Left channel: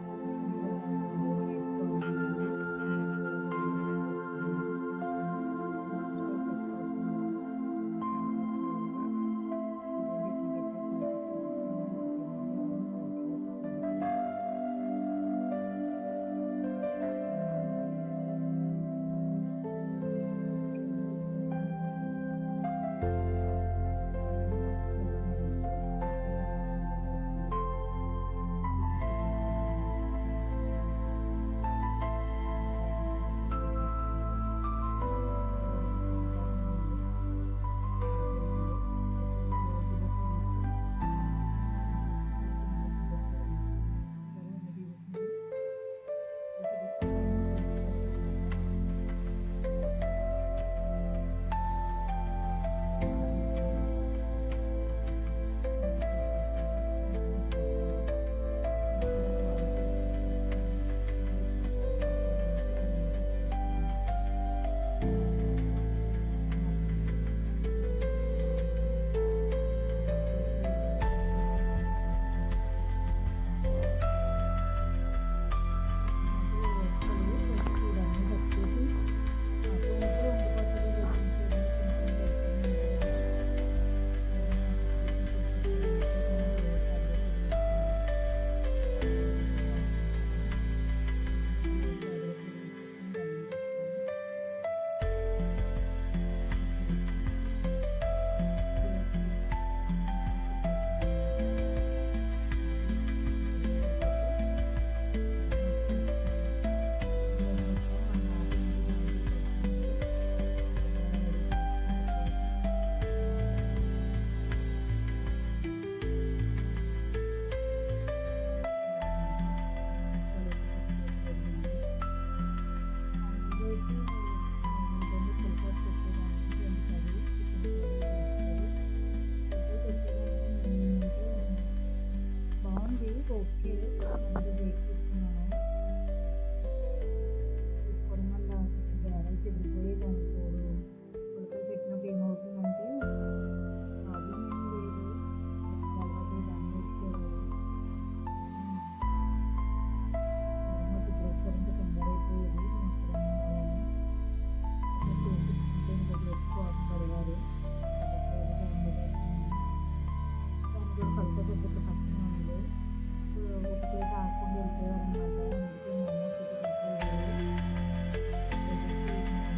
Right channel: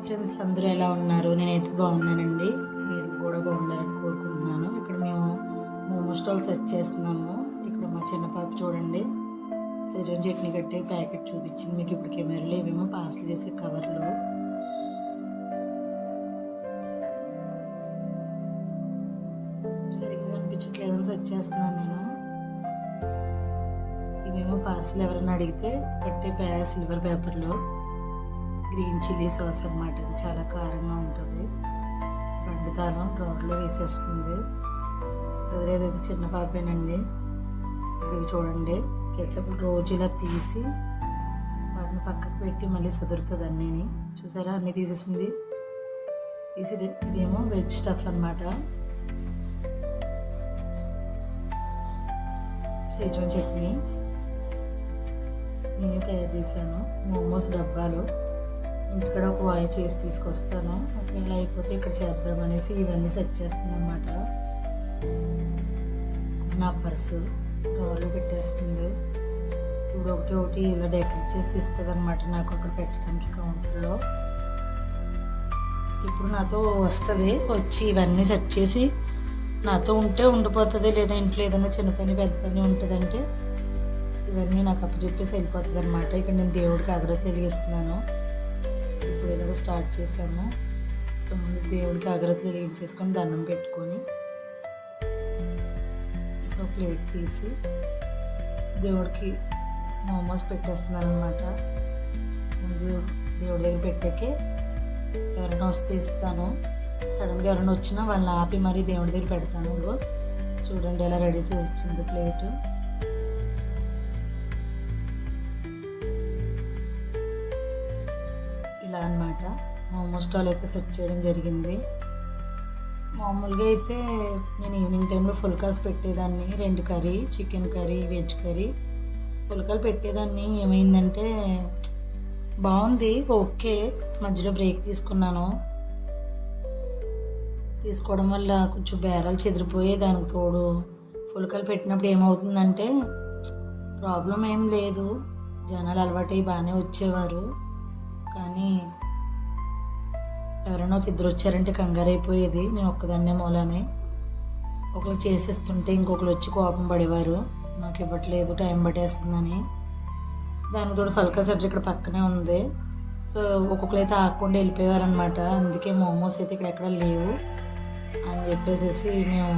Hi friends, అందరూ ఎలా ఉన్నారు? నేనైతే బాగున్నానండి. మీరు కూడా బాగుండాలని కోరుకుంటున్నాను. ఇక్కడ మేము మోమో స్టాల్ సెర్చ్ చేస్తున్నాము. ఇక్కడ మా చిన్న పాప చూడండి, సెజవాన్ చట్నీ కట్టే ప్యాకెట్ చూపించింది మీకు. ఇప్పుడు కెమెరాలో ఇవేమో పార్సల్ చేసే కవర్లు. సరిగ్గా కనిపించట్లేదని సెర్చ్ చేస్తున్నాను నేను. ఇవేమో పార్సల్ ఎవరైనా అడిగితే కట్టే సిల్వర్ పేపర్లో గ్రీన్ చిల్లీ సాస్ అనమాట. ఇది చాలా కారంగా ఉంటుంది. పండితానం డ్రార్లో వేసేస్తుంది. సదరేదైతే చిన్న పాపేనండి. ఇవి చూడండి, కెచప్ రోజు ఇలా తీసి వాటిని పక్కకు పెట్టి మళ్ళీ సదురుతుంది అన్నీని. చూసారా, అన్నీ తీసేసింది. తీసి ఇదేమో వెజ్ స్టఫ్ అనమాట. సెజవాన్ చట్నీ నేను తయారు చేశాను. మోమోస్ డబ్బాలు ఇక్కడ ఒక వాయి చేసి తీసుకొస్తాను. ఒకవేళ అయిపోతే ఇక్కడ చేద్దామనేసి ఇవన్నీ సెట్ చేస్తుంది అనమాట. నా పర్సు డ్రాలో పెట్టేస్తుంది. ఇప్పుడు ఒకటి ఇలా డెకరేట్ చేసి ఇస్తుంది అనమాట నాకు అక్కడ పెట్టడానికి కౌంటర్లో. ఇప్పుడు నాతో వస్తుంది, వచ్చి ఇవన్నీ సెట్ చేసి నాతో ఉంటే ఉండిపోతుంది. లేదా ఇంట్లో ఏదైనా చిన్న పని పెద్ద పని ఉంటుందంటే ఇవన్నీ నాకు అప్పచెప్పేసి వెళ్ళిపోతుంది అనమాట. ఇక్కడ నేను దేవుడికి అగరత్తులు వెలిగిస్తున్నాను. ఇప్పుడు ఏదో స్టార్ట్ చేశాను. సో ముందు దేవుడికి అగరత్తులు వెలిగించేసుకొని దండం పెట్టుకొని ఒక ప్లేట్ తీసి దేవుడికి మోమోస్ పెట్టేస్తున్నాను అనమాట. ముందు దేవుడి దగ్గర పెట్టాకే ఎవరైనా వస్తే ఇస్తాను. సడన్గా ఎవరైనా వచ్చినా వాళ్ళని ఆపి మరీ దేవుడి దగ్గర పెడతాను. చూడండి ఎలా రెడీ చేసి ఇచ్చింది ప్లేట్. ఇలా అనమాట మోమో స్టాల్ అయితే సెట్ చేయడం జరిగింది. మామూలుగా అయితే నేను ఈవినింగ్ టైంలో ఫుల్కాస్ పెట్టేదాన్ని. 2 curry, chicken curry, veg curry ఫుల్కాలు పెట్టేదాన్ని. ఏమైందంటే బాగుంది, ఓకే. మధ్యలో బ్రేక్ తీసుకున్నాను. తీసుకోవడం వల్ల కొంచెం బేరాలు చెదిరిపోయి దానికి తోడు ఫుల్కాలు పెట్టినప్పుడు ఏమవుతుందంటే ప్రాబ్లం ఏం లేదు, జనాలు అలవాటై బాగానే వచ్చేవారు. కానీ ఎవరైనా ఒక 2 వచ్చారంటే కంగారు అయిపోయేది. నేను ఒక్కదాన్నే మూలానే. ఒకరు చేసేస్తుంటే ఇంకొకరు వచ్చి కోపం పడేవారు, మాకు ఇవ్వట్లేదు టైం పట్టేస్తుందని. దానికి తోడు ఫల్కా సెంటర్ ఇక్కడ పక్కనే ఉంది. సో ఒక్కొక్కరు అయితే ఆగకుండా వెళ్ళిపోయేవారు అనమాట. అందుకే మోమోస్ అయితే ఇక్కడ ఎక్కడ లేవు అని చెప్పేసి మేము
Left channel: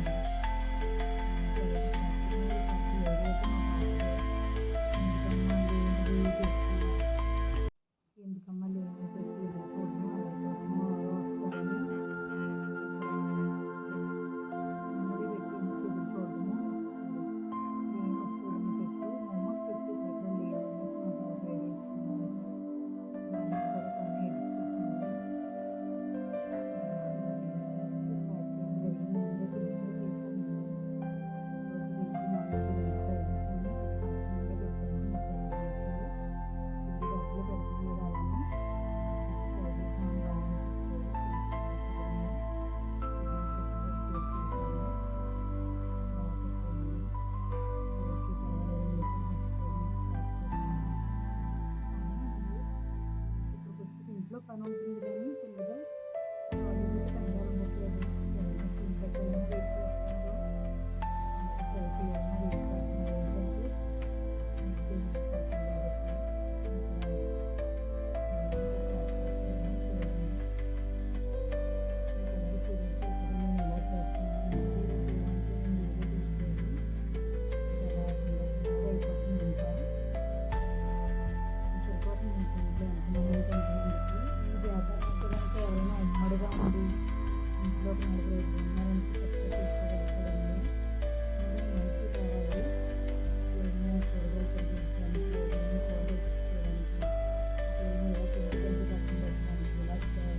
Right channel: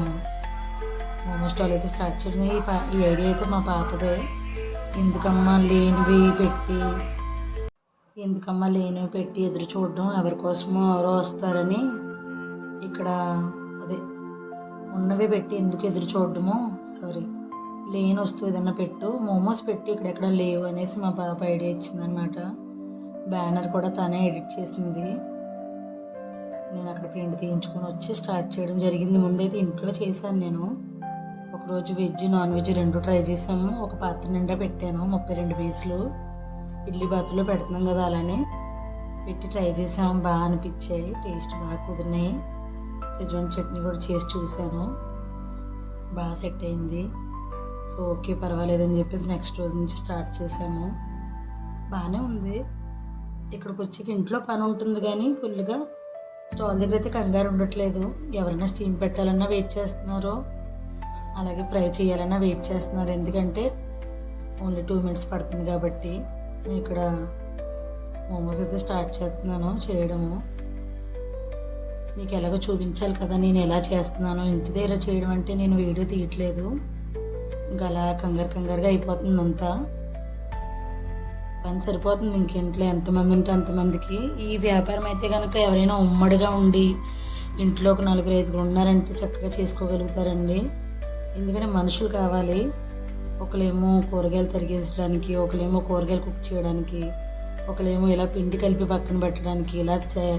మోమో స్టాల్ అయితే స్టార్ట్ చేసాం. ఈ ఐడియా అయితే మా పాపదే. ఎందుకమ్మా లేనివి పెట్టి ఎదురు చూడడం, ఎవరి కోసమో ఎవరో వస్తారని ఇక్కడ అదే ఉన్నవే పెట్టి ఎందుకు ఎదురు చూడడము, లేని వస్తువు ఏదన్నా పెట్టు, మోమోస్ పెట్టి ఇక్కడెక్కడ లేవు అనేసి మా పాప ఐడియా ఇచ్చిందనమాట. బ్యానర్ కూడా తనే ఎడిట్ చేసింది. నేను అక్కడ ప్రింట్ తీయించుకొని వచ్చి స్టార్ట్ చేయడం జరిగింది. ముందైతే ఇంట్లో చేశాను నేను. ఒకరోజు వెజ్ నాన్ వెజ్ 2 ట్రై చేసాము. ఒక పాత్ర నిండా పెట్టాను, 32 పీసులు. ఇడ్లీ బాతులో పెడుతున్నాం కదా, అలానే పెట్టి ట్రై చేసాము. బాగా అనిపించాయి, టేస్ట్ బాగా కుదిరినాయి. సెజవాన్ చట్నీ కూడా చేసి చూసాను, బాగా సెట్ అయింది. సో ఓకే పర్వాలేదని చెప్పేసి నెక్స్ట్ రోజు నుంచి స్టార్ట్ చేసాము. బాగానే ఉంది. ఇక్కడికి వచ్చి ఇంట్లో పని ఉంటుంది కానీ ఫుల్గా స్టాల్ దగ్గర అయితే కంగారు ఉండట్లేదు. ఎవరైనా స్టీమ్ పెట్టాలన్నా వెయిట్ చేస్తున్నారు, అలాగే ఫ్రై చేయాలన్నా వెయిట్ చేస్తున్నారు. ఎందుకంటే ఓన్లీ 2 మినిట్స్ పడుతుంది కాబట్టి. నేను ఇక్కడ మోమోస్ అయితే స్టార్ట్ చేస్తున్నాను చేయడము. మీకు ఎలాగో చూపించాలి కదా నేను ఎలా చేస్తున్నాను. ఇంటి దగ్గర చేయడం అంటే నేను వీడియో తీయట్లేదు, ఇంకా అలా కంగారుగా అయిపోతుంది. అంతా పని సరిపోతుంది. ఇంకింట్లో ఎంతమంది ఉంటే అంతమందికి. ఈ వ్యాపారం అయితే కనుక ఎవరైనా ఉమ్మడిగా ఉండి ఇంట్లో ఒక 4-5 ఉన్నారంటే చక్కగా చేసుకోగలుగుతారండి. ఎందుకంటే మనుషులు కావాలి. ఒకలేమో కూరగాయలు తరిగేసడానికి, ఒకలేమో కూరగాయలు కుక్ చేయడానికి, ఒకలేమో ఇలా పిండి కలిపి పక్కన పెట్టడానికి, ఇలా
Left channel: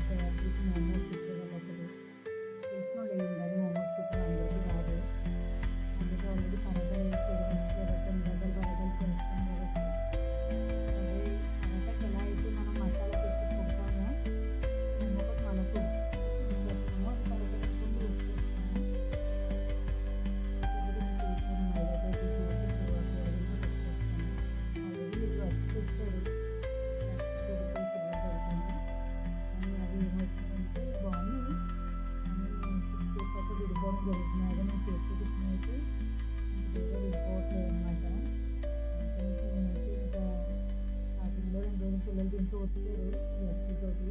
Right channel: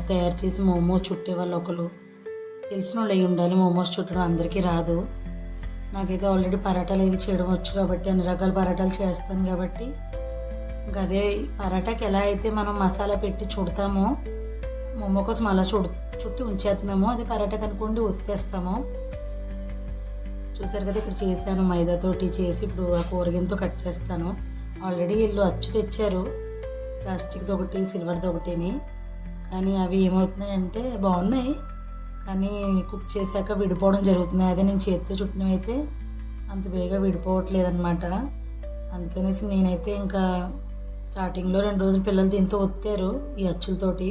తయారు చేసి మోమోస్ చుట్టే వాళ్ళు ఒకరు తెలిసిన వాళ్ళు అయి ఉండాలి. మోమోస్ చుట్టడం అందరికీ రాదు. నాకైతే ఆల్రెడీ పరాటాలు ఏది చేయడం వచ్చు కాబట్టి, అన్ని రకాల పరాటాలు చేస్తాను కాబట్టి, ఇంకా అదే పరాటాకి ఎలా అయితే మనం మసాలా పెట్టి చుడతామో మోమో కోసం అలా చుట్టి ఉంచేస్తున్నామో, అది పరాటాకి అనుకోండి ఒత్తేస్తాము. చూసారు కదా, ఇక్కడ చేశాను మైదాతోటి చేసి. ఇప్పుడు ఆ కూరగాయలతో కట్ చేస్తాను. ఆల్రెడీ వీళ్ళు అచ్చు తెచ్చారు, ప్లాస్టిక్ది ఒకటి సిల్వర్ది ఒకటిని. కానీ అవి ఏమవుతున్నాయంటే బాగున్నాయి, కానీ కుక్ చేశాక విడిపోవడం జరుగుతున్నాయి. అదే నేను చేతితో చుట్టినవి అయితే అంత బేగా విడిపోవట్లేదు అనమాట. అందుకనేసి నేనైతే ఇంకా స్టార్టింగ్లో 2 రోజులు పిల్లలు దీంతో ఒత్తారు ఈ అచ్చులతోటి.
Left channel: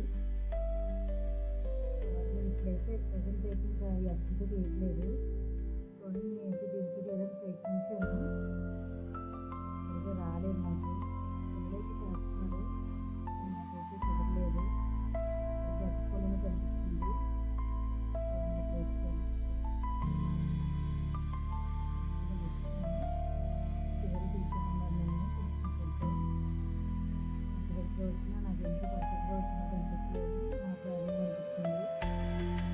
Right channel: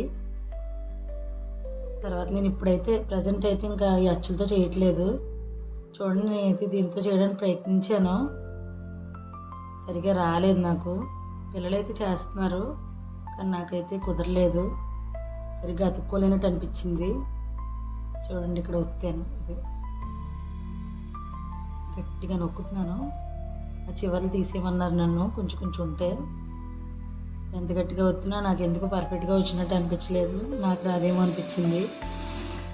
తర్వాత నేను ఇప్పుడైతే ప్రజెంట్ అయితే ఇంకా ఈ అచ్చులతో చేయట్లేదు. చూడండి, నేనైతే దీంతో చేయడానికి ప్రయత్నించాను, సరిగా రాలేదు నాకు. పిల్లలైతే చేస్తున్నారు కానీ నాకైతే కుదరలేదు, సరిగ్గా అతుక్కోలేనట్టు అనిపించింది. చూడండి, ఇక్కడ ఒత్తాను, ఇది గట్టిగా నొక్కుతున్నాను. ఆ చివర్లు తీసేయమన్నారు నన్ను, కొంచెం కొంచెం ఉంటే. ఎంత గట్టిగా వచ్చినా నాకు ఎందుకు పర్ఫెక్ట్గా వచ్చినట్టు అనిపించలేదు, నాకు రాదేమో అనిపించింది.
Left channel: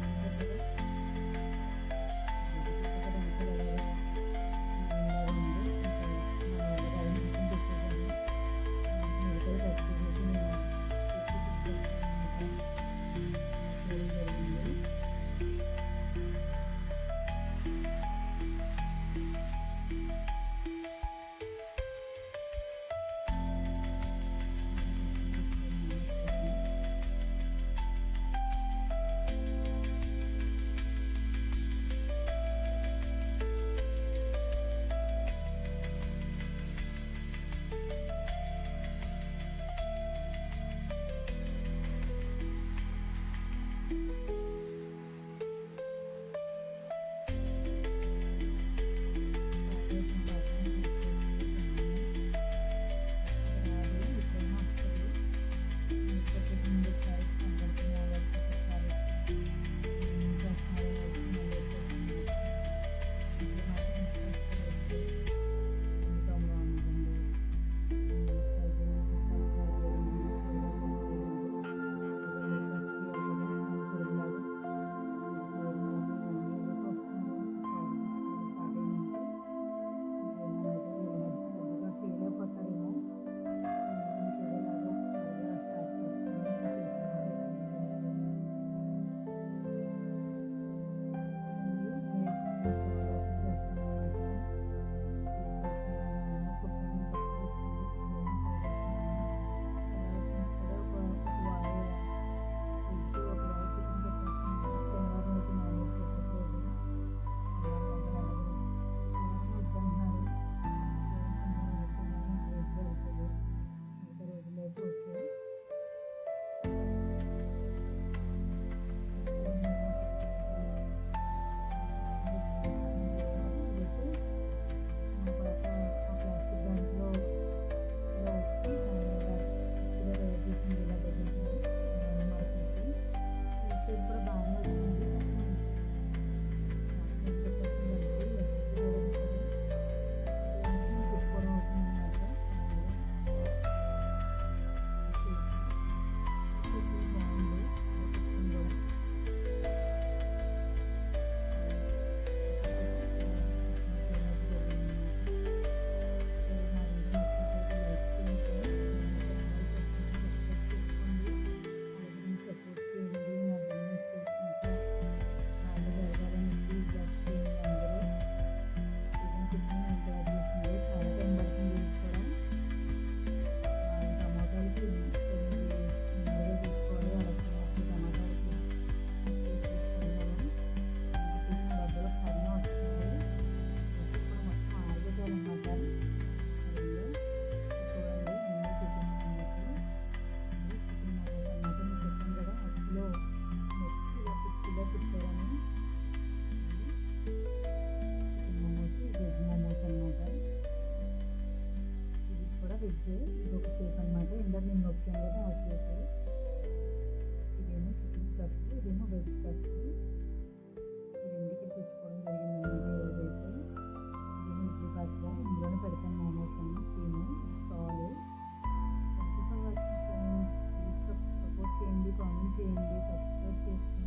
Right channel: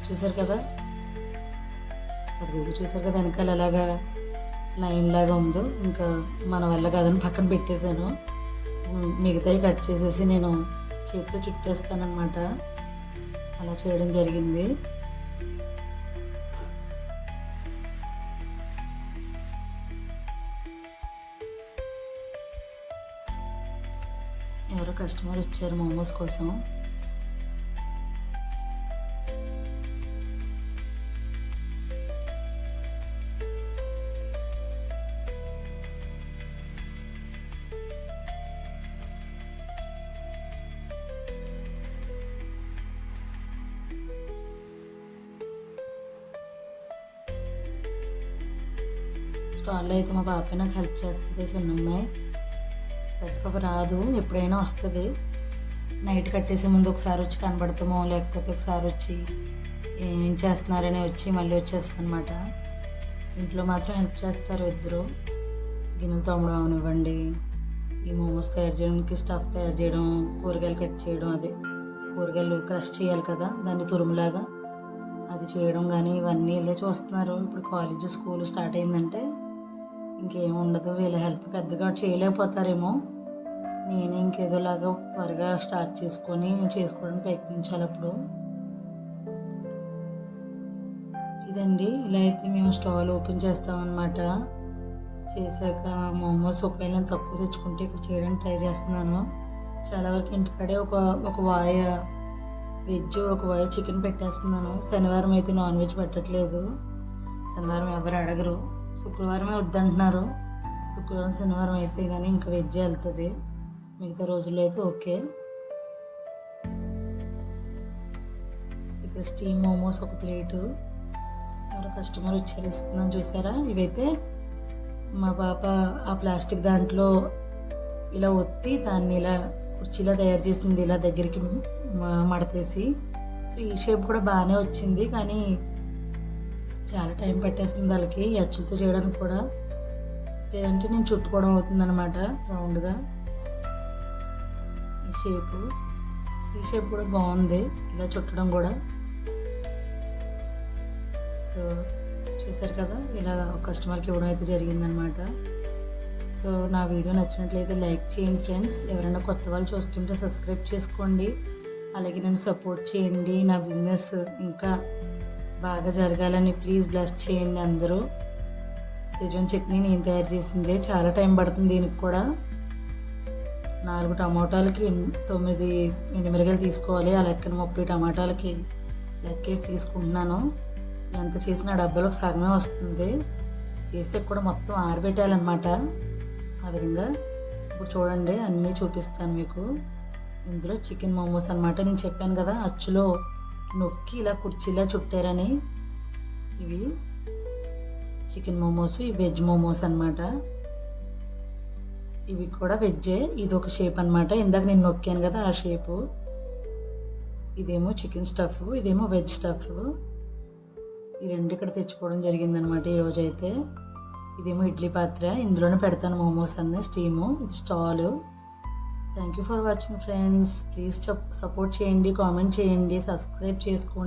చూసారు కదా, అది చూసారు కదా వెనకాల ఎలాగా లైన్ లాగా ఉందో. ఇంకా మన వల్ల కాదని పక్కన పెట్టేశాను. మిగతాయి కట్ చేసేసి నేను చేతితో చుట్టేస్తానమాట. అలా చేయడం జరిగింది. ఎవరో కస్టమర్ వచ్చారు మోమోస్ కోసం. స్టాల్లో అయితే మా పాప నాకు హెల్ప్ చేస్తుంది, చిన్నమ్మాయి. పెద్ద పాప రాదు, ఎప్పుడైనా వస్తుంది. నైట్ కట్టేసే ముందు ఒకసారి వచ్చి కనబడతామో, లేకపోతే ఒకసారి వచ్చి ఏం చేస్తున్నారని వచ్చి మళ్ళీ వచ్చేస్తుంది అనమాట. ఇంట్లో మాత్రం హెల్ప్ చేస్తారు ఇద్దరు. గిన్నెలు తోమడం అవనివ్వండి, ఈ మోమోస్ తయారు చేయడానికి స్టఫ్ తయారు చేయడం, కూరగాయలు కట్ చేయడం, అదే కూరగాయలు క్రష్ చేయాలి కదా దాన్ని తురుములాగా, అది చేయడం కానీ ఇవన్నీ వీళ్ళే చూస్తున్నారు. ఇప్పుడు కాలేజ్ స్కూల్ స్టార్ట్ అయిందంటే ఇంకేం ఉండదు, వీళ్ళ హెల్ప్ పెద్దగా చేయలేకపోతారేమో. నేనే ఇంకేదోలాగా త్వరగా స్టార్ట్ చేసుకోవడానికి ప్రయత్నించాలి అప్పుడు. ఇదండి, ఇలా అయితే మేము స్టవ్ ఓపెన్ చేస్తామన్నమాట. చేశాక మోమోస్ ఒకవేళ తక్కువ తెచ్చుకుంటే ఇక్కడ చేయడానికి ట్రై చేస్తున్నాను. చాలా వరకు ఇంటికాడే ఒక వాయ వెజ్, ఒక వాయ చికెన్ పెట్టేస్తున్నాను. శనివారం అయితే నాన్ వెజ్ పెట్టట్లేదు, శనివారం ఎవరు అడగరు. శుక్రవారమే వద్దంటున్నారు, శుక్రవారం శనివారం అయితే కానీ ఇంకా వెజ్ వెళ్తుంది, మిగతా రోజుల్లో అయితే ఓకే. ఇక్కడ స్టీమ్ మోమోస్ ఒక ప్లేటు. ఎవరో కస్టమర్ వచ్చారు, ఇస్తున్నాను చూసారా. ఇవైతే మా పాప ఆ ప్లాస్టిక్ దాంట్లో ఇలా ఒత్తి దాన్ని ఇలా కుర్చీలా తయారు చేసింది, ఇలా దగ్గరికి మడతేసి. సో ఈ షేప్ కూడా బాగానే వచ్చింది, కానీ చాలా టైం పట్టేస్తుంది వాళ్ళకి ఈ అచ్చులతో చేయడానికి కూడా. లేదంటే నేను చుట్టుకోవడం అవుతుంది అనమాట రౌండ్గా. ఈ షేప్ కూడా బాగుంది, ఇలా చుట్టడం కూడా. సో చూసారు కదా, ఇలా ఒక కస్టమర్కి ఇవ్వడం అయితే జరిగిందనమాట. సో నా వీడియో నచ్చినట్లయితే లైక్ చేయండి ఫ్రెండ్స్. ఎవరైనా కొత్త వాళ్ళు చూస్తుంటే సబ్స్క్రైబ్ చేసుకోండి. అలాగే నన్ను సపోర్ట్ చేయండి. నా బిజినెస్ ఇంకా బాగా జరగాలని ప్లీజ్ బ్లెస్ చేయండి అందరూ. సెజ్వాన్ చట్నీ నేను తయారు చేసిందే, చాలా టైం పడుతుంది దీనికి కూడా. 4 టమాటాలకి 9 ఎండుమిరగాయలు తీసుకోవాలి. ఆ లెక్కన 30 టమాటాలకి లెక్కేసి తీసుకుంటున్నాను. ఎంత చేసినా డబ్బాలో సగమే వస్తుంది. చేసే కూడా మొత్తం ఆరబెట్టాలన్నమాట. ఆ విధంగా ఇప్పుడు చూడండి, అన్నీ చూపిస్తాను మీకు. ఇందులో చికెన్ మోమోస్ అనమాట. నేను చెప్పాను కదా అచ్చులో నొక్కి ఇలా కుర్చీలా చుట్టారని. ఇవి చికెన్ మోమోస్, ఇవి వెజ్ మోమోస్ అనమాట. ఇవి కూడా వెజ్జే, ఇది ఒక షేప్ అనమాట. ఇందాక నేను నొక్కాను కదా ఆ షేపు. ఇదేమో చికెన్ స్టఫ్, ఇదేమో వెజ్ స్టఫ్. ఈ రెండు ఇక్కడ తెచ్చుకోవడం జరిగిందనమాట ఈరోజు అయితే. ఇదేమో ఇడ్లీ పాత్ర, ఇందులోనే పెడతాను మోమోస్ అన్నీ స్టీము. ఇది stall. Thank you for watching friends. Please support చేయండి, కామెంట్ చేయండి, సబ్స్క్రైబ్ చేసుకోండి.